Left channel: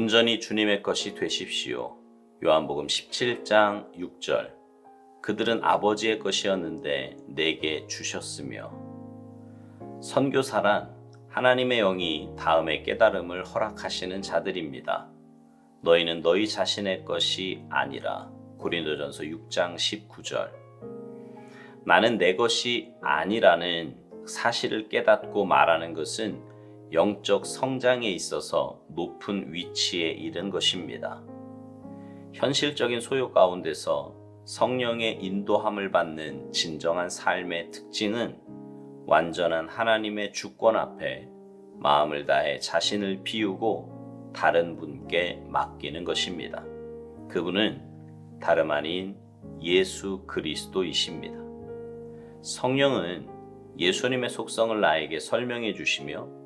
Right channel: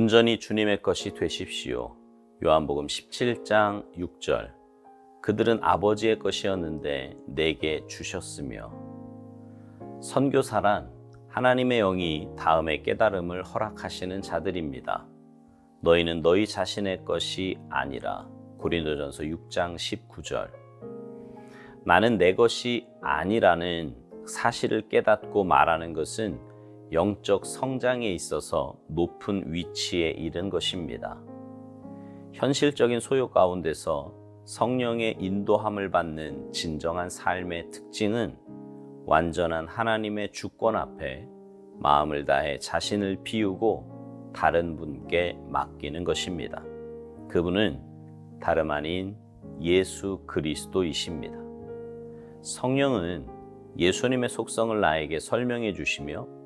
온전히 주님의 것이 되십시오. 요한복음 17장 6절. 그들은 아버지의 것이었는데 내게 주셨으며. 선교사란 하나님의 영이 다음의 깨달음을 허락하시는 자들입니다. 너희는 너희 자신의 것이 아니라. 고린도전서 6장 19절. 나는 내 것이 아니라는 사실을 깨닫고 말하는 것은 영적 성장에 있어서 높은 위치에 이른 것입니다. 현실적인 소요 가운데서 성령의 인도함을 받는 진정한 삶의 특징은 완전한 하나님의 주권 앞에 마음을 다해 자신을 비우고 다른 분께 맡기는 것입니다. 그분은 다름 아닌 예수 그리스도이십니다. 성령은 예수님의 속성을 나에게 설명해 주시며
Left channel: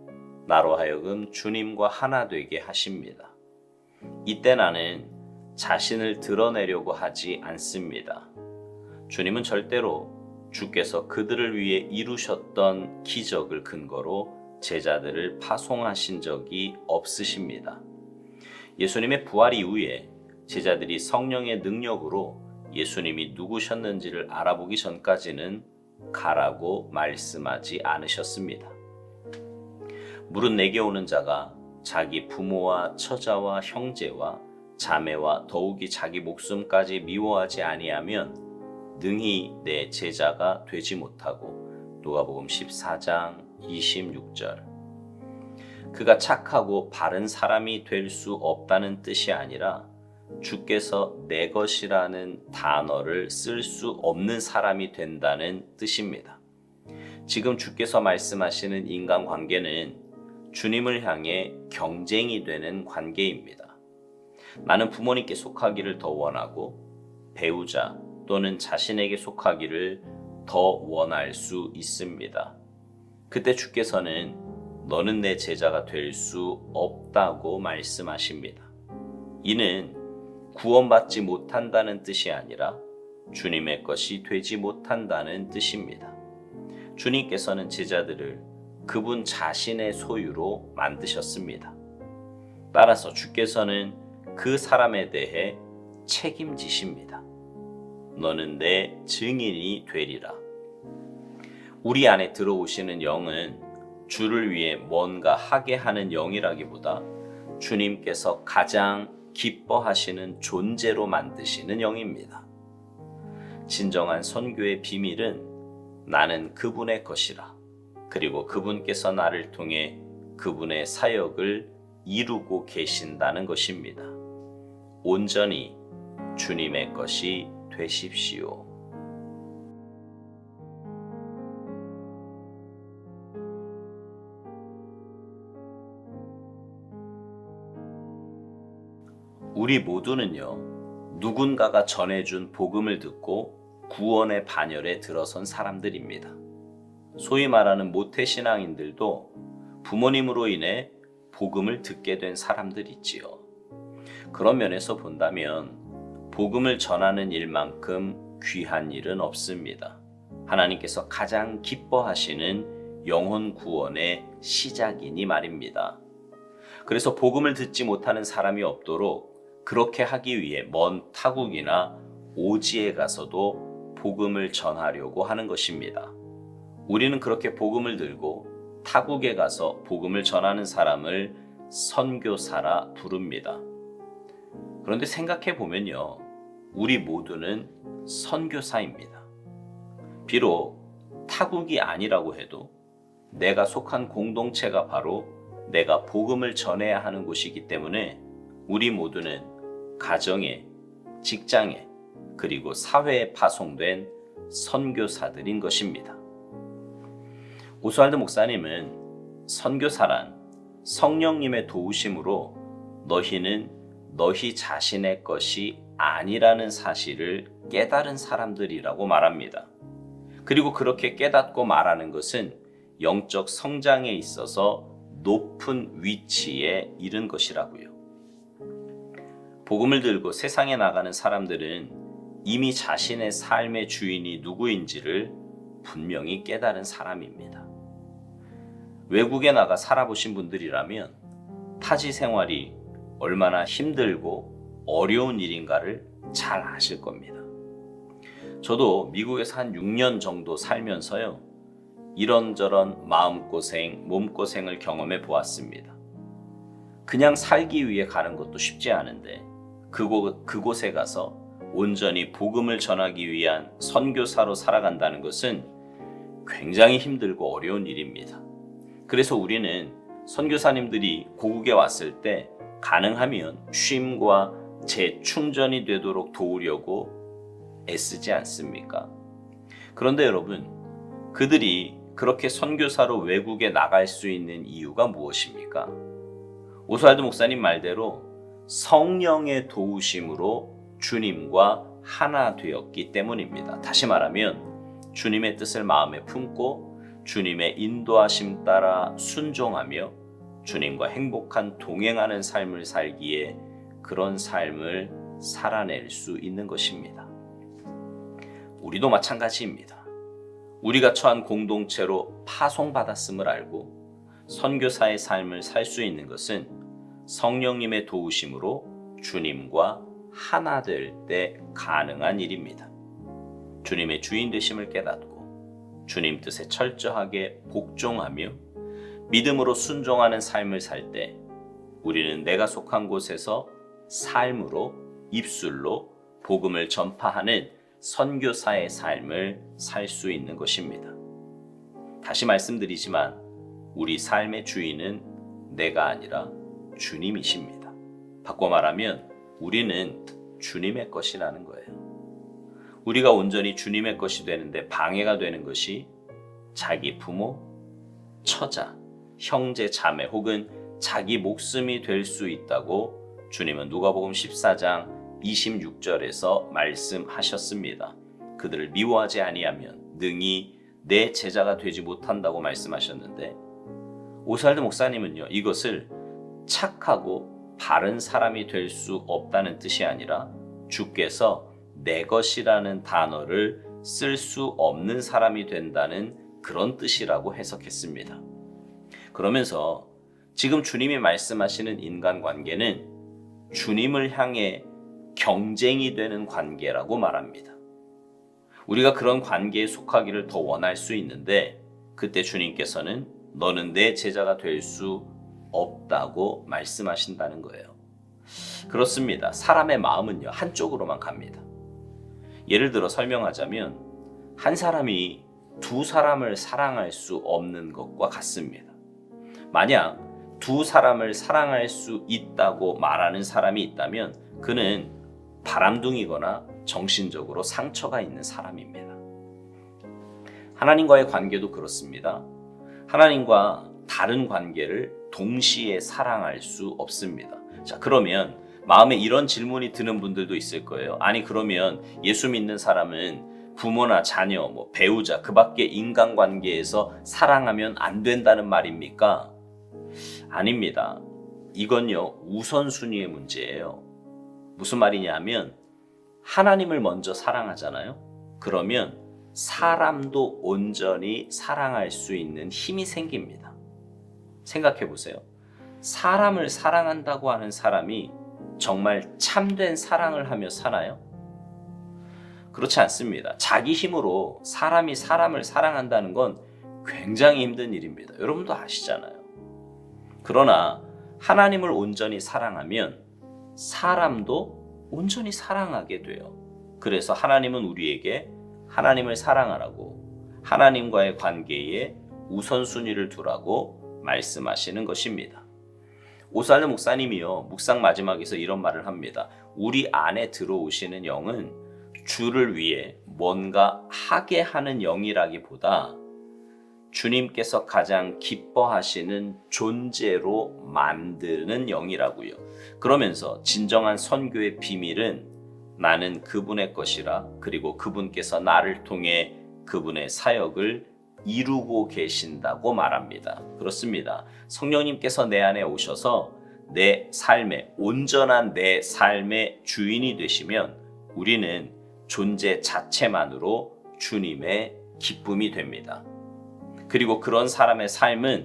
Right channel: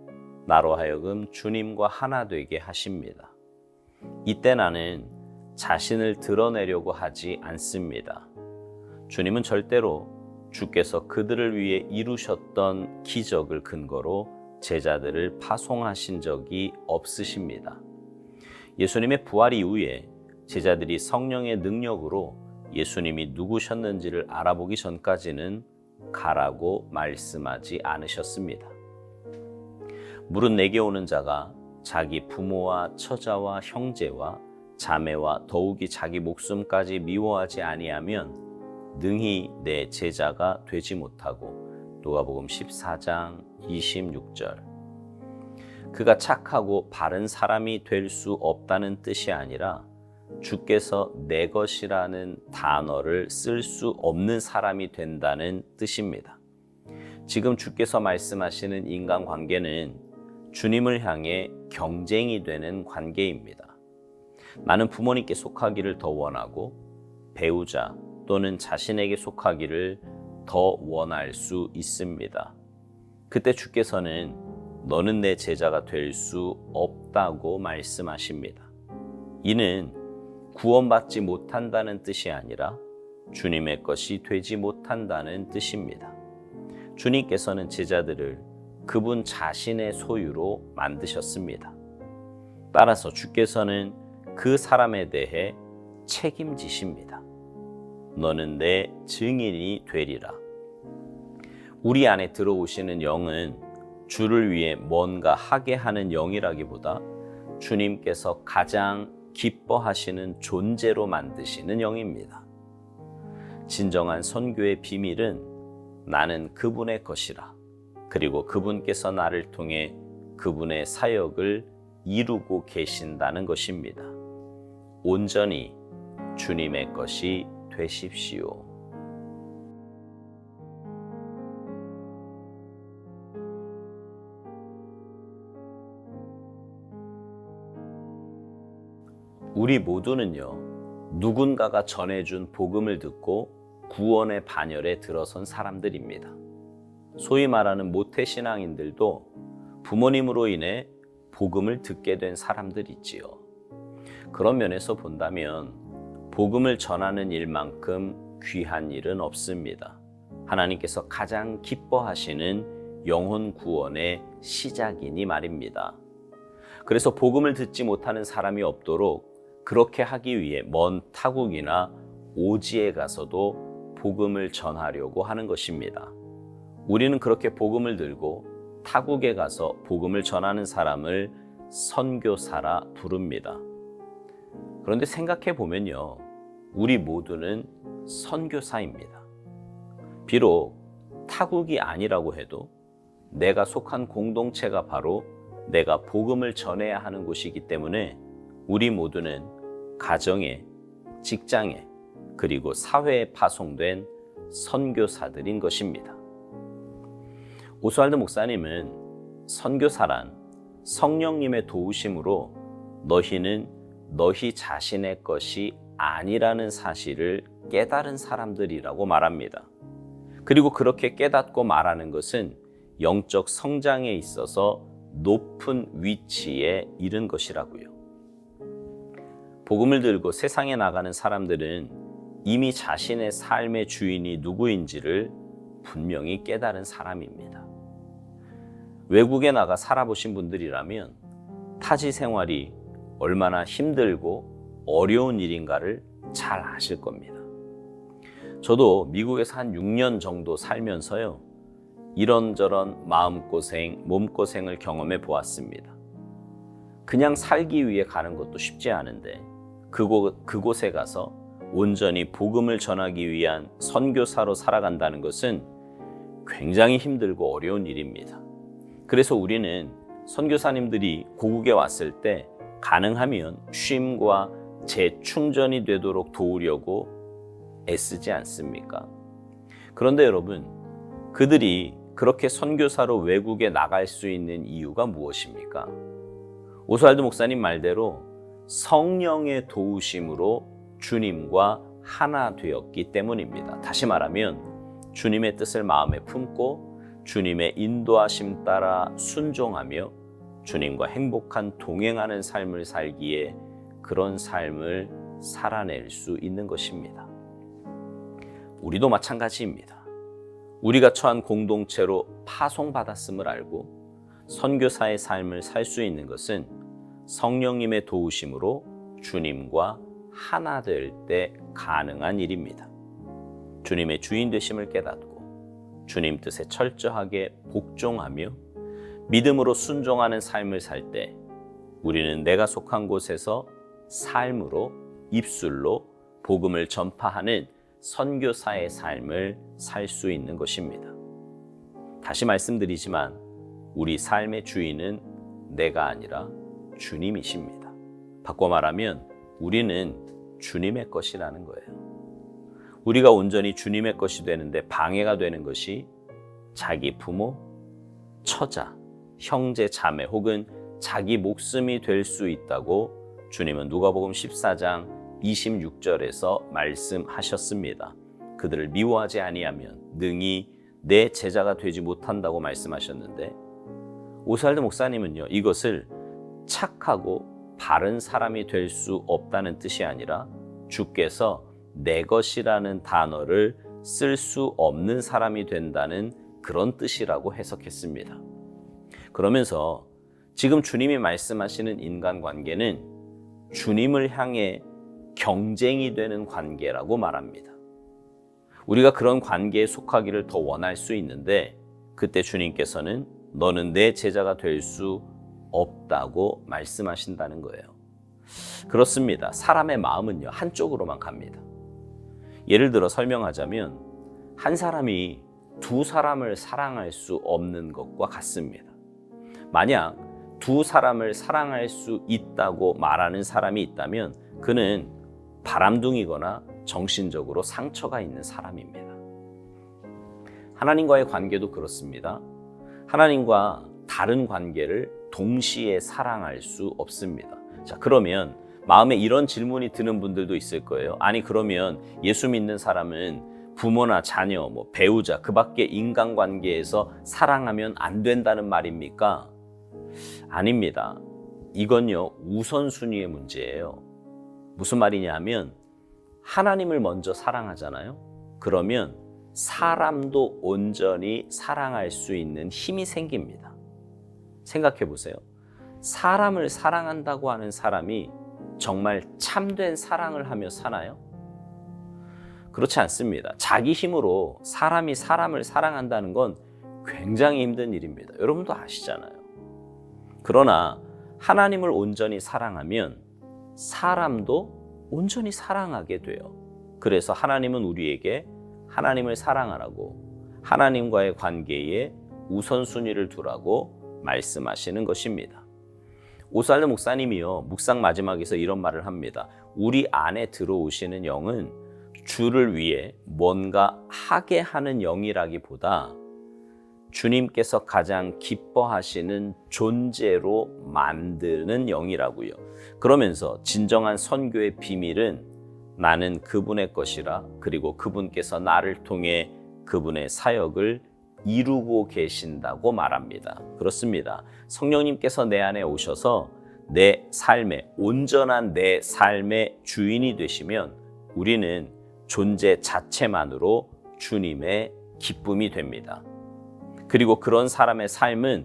나로 하여금 주님과 하나 되게 하십니다. 이때 나는 자신을 드러내려고 하지 않습니다. 주님은 절대로 주께서 그들을 위해 이루셨던 기적을 근거로 제자들을 파송하신 적이 없으십니다. 예수님의 부활 이후에 제자들이 성령의 능력으로 예수님이 누구셨는지를 알아보기 전까지는 가라고 말씀하지 않으셨습니다. 물은 내게 오는 자가 자기 부모와 처자와 형제와 자매와 더욱이 자기 목숨까지 미워하지 아니하면 능히 내 제자가 되지 못하고. 누가복음 14장 26절. 그가 착하고 바른 사람이 될 수 없다는 뜻이 아니라 주께서 내 것이라는 단어를 쓸 수 없는 사람이 된다는 뜻입니다. 지금 주께서 말씀하시는 인간관계는 주님을 향해 경쟁이 되는 관계입니다. 나는 부모님께 속하기를 더 원하고 배우자 또는 자신에게 속하기를 더 원할 수 있습니다. 그때 주께서는 너는 내 제자가 될 수 없다고 말씀하십니다. 이는 구원받지 못한다는 뜻이 아니라 주님의 것이 되지 못한다는 뜻입니다. 주님께서는 제자들을 그분 자신의 소유로 만드셨습니다. 따라서 주께서는 그 사람에 대해 책임지십니다. 너는 내 증인이 되리라. 우리 안에 들어오시는 영은 주를 위해 뭔가 하게 하는 영이라기보다 주님께서 가장 기뻐하시는 존재로 만드시는 영입니다. 진정한 선교의 비밀은 나는 그분의 것이라. 그리고 그분께서 나를 통해 그분의 사역을 이루고 계신다는 것입니다. 온전히 주님의 것이 되십시오. 우리 모두는요, 누군가가 전해준 복음을 듣고 구원의 반열에 들어선 사람들입니다. 소위 말하는 모태신앙인들도 부모님으로 인해 복음을 듣게 된 사람들이지요. 그런 면에서 본다면 복음을 전하는 일만큼 귀한 일은 없습니다. 하나님께서 가장 기뻐하시는 영혼 구원의 시작이니 말입니다. 그래서 복음을 듣지 못하는 사람이 없도록 그렇게 하기 위해 먼 타국이나 오지에 가서도 복음을 전하려고 하는 것입니다. 우리는 그렇게 복음을 들고 타국에 가서 복음을 전하는 사람을 선교사라 부릅니다. 그런데 생각해 보면요, 우리 모두는 선교사입니다. 비록 타국이 아니라고 해도 내가 속한 공동체가 바로 내가 복음을 전해야 하는 곳이기 때문에 우리 모두는 가정에, 직장에, 그리고 사회에 파송된 선교사들인 것입니다. 오스왈드 목사님은 선교사란 성령님의 도우심으로 너희는 너희 자신의 것이 아니라는 사실을 깨달은 사람들이라고 말합니다. 그리고 그렇게 깨닫고 말하는 것은 영적 성장에 있어서 높은 위치에 이른 것이라고요. 복음을 들고 세상에 나가는 사람들은 이미 자신의 삶의 주인이 누구인지를 분명히 깨달은 사람입니다. 외국에 나가 살아보신 분들이라면 타지 생활이 얼마나 힘들고 어려운 일인가를 잘 아실 겁니다. 저도 미국에서 한 6년 정도 살면서요, 이런저런 마음고생, 몸고생을 경험해 보았습니다. 그냥 살기 위해 가는 것도 쉽지 않은데 그곳에 가서 온전히 복음을 전하기 위한 선교사로 살아간다는 것은 굉장히 힘들고 어려운 일입니다. 그래서 우리는 선교사님들이 고국에 왔을 때 가능하면 쉼과 재충전이 되도록 도우려고 애쓰지 않습니까? 그런데 여러분, 그들이 그렇게 선교사로 외국에 나갈 수 있는 이유가 무엇입니까? 오스왈드 목사님 말대로 성령의 도우심으로 주님과 하나 되었기 때문입니다. 다시 말하면 주님의 뜻을 마음에 품고 주님의 인도하심 따라 순종하며 주님과 행복한 동행하는 삶을 살기에 그런 삶을 살아낼 수 있는 것입니다. 우리도 마찬가지입니다. 우리가 처한 공동체로 파송받았음을 알고 선교사의 삶을 살 수 있는 것은 성령님의 도우심으로 주님과 하나 될 때 가능한 일입니다. 주님의 주인 되심을 깨닫고 주님 뜻에 철저하게 복종하며 믿음으로 순종하는 삶을 살 때 우리는 내가 속한 곳에서 삶으로, 입술로 복음을 전파하는 선교사의 삶을 살 수 있는 것입니다. 다시 말씀드리지만 우리 삶의 주인은 내가 아니라 주님이십니다. 바꿔 말하면 우리는 주님의 것이라는 거예요. 우리가 온전히 주님의 것이 되는데 방해가 되는 것이 자기 부모, 처자, 형제, 자매 혹은 자기 목숨이 될 수 있다고 주님은 누가복음 14장 26절에서 말씀하셨습니다. 그들을 미워하지 아니하면 능히 내 제자가 되지 못한다고 말씀하셨는데, 오스왈드 목사님은요, 이것을 착하고 바른 사람이 될 수 없다는 뜻이 아니라 주께서 내 것이라는 단어를 쓸 수 없는 사람이 된다는 그런 뜻이라고 해석했습니다. 그러면서 지금 주님이 말씀하시는 인간관계는 주님을 향해 경쟁이 되는 관계라고 말합니다. 우리가 그런 관계에 속하기를 더 원할 수 있는데 그때 주님께서는 너는 내 제자가 될 수 없다고 말씀하신다는 거예요. 그렇습니다. 사람의 마음은요, 한쪽으로만 갑니다. 예를 들어 설명하자면 한 사람이 두 사람을 사랑할 수 없는 것과 같습니다. 만약 두 사람을 사랑할 수 있다고 말하는 사람이 있다면 그는 바람둥이거나 정신적으로 상처가 있는 사람입니다. 하나님과의 관계도 그렇습니다. 하나님과 다른 관계를 동시에 사랑할 수 없습니다. 자, 그러면 마음에 이런 질문이 드는 분들도 있을 거예요. 아니, 그러면 예수 믿는 사람은 부모나 자녀, 배우자, 그 밖에 인간관계에서 사랑하면 안 된다는 말입니까? 아닙니다. 이건요, 우선순위의 문제예요. 무슨 말이냐 하면 하나님을 먼저 사랑하잖아요. 그러면 사람도 온전히 사랑할 수 있는 힘이 생깁니다. 생각해 보세요. 사람을 사랑한다고 하는 사람이 정말 참된 사랑을 하며 사나요? 그렇지 않습니다. 자기 힘으로 사람이 사람을 사랑한다는 건 굉장히 힘든 일입니다. 여러분도 아시잖아요. 그러나 하나님을 온전히 사랑하면 사람도 온전히 사랑하게 돼요. 그래서 하나님은 우리에게 하나님을 사랑하라고, 하나님과의 관계에 우선순위를 두라고 말씀하시는 것입니다. 오스왈드 목사님이요, 묵상 마지막에서 이런 말을 합니다. 우리 안에 들어오시는 영은 주를 위해 뭔가 하게 하는 영이라기보다 주님께서 가장 기뻐하시는 존재로 만드는 영이라고요. 그러면서 진정한 선교의 비밀은 나는 그분의 것이라, 그리고 그분께서 나를 통해 그분의 사역을 이루고 계신다고 말합니다. 그렇습니다. 성령님께서 내 안에 오셔서 내 삶의, 온전한 내 삶의 주인이 되시면 우리는 존재 자체만으로 주님의 기쁨이 됩니다. 그리고 그런 사람의 삶은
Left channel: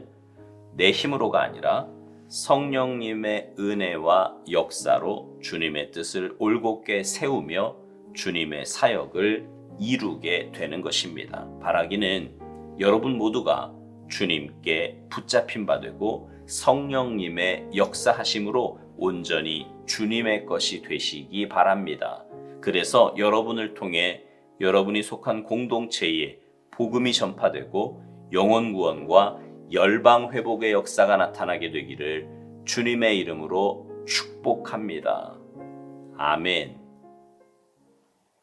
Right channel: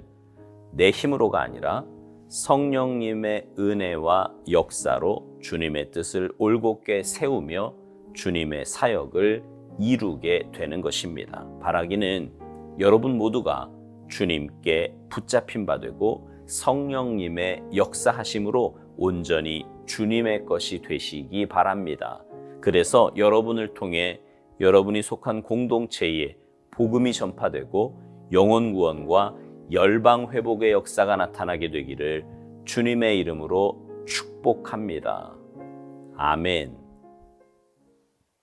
내 힘으로가 아니라 성령님의 은혜와 역사로 주님의 뜻을 올곧게 세우며 주님의 사역을 이루게 되는 것입니다. 바라기는 여러분 모두가 주님께 붙잡힌 바 되고 성령님의 역사하심으로 온전히 주님의 것이 되시기 바랍니다. 그래서 여러분을 통해 여러분이 속한 공동체에 복음이 전파되고 영혼 구원과 열방 회복의 역사가 나타나게 되기를 주님의 이름으로 축복합니다. 아멘.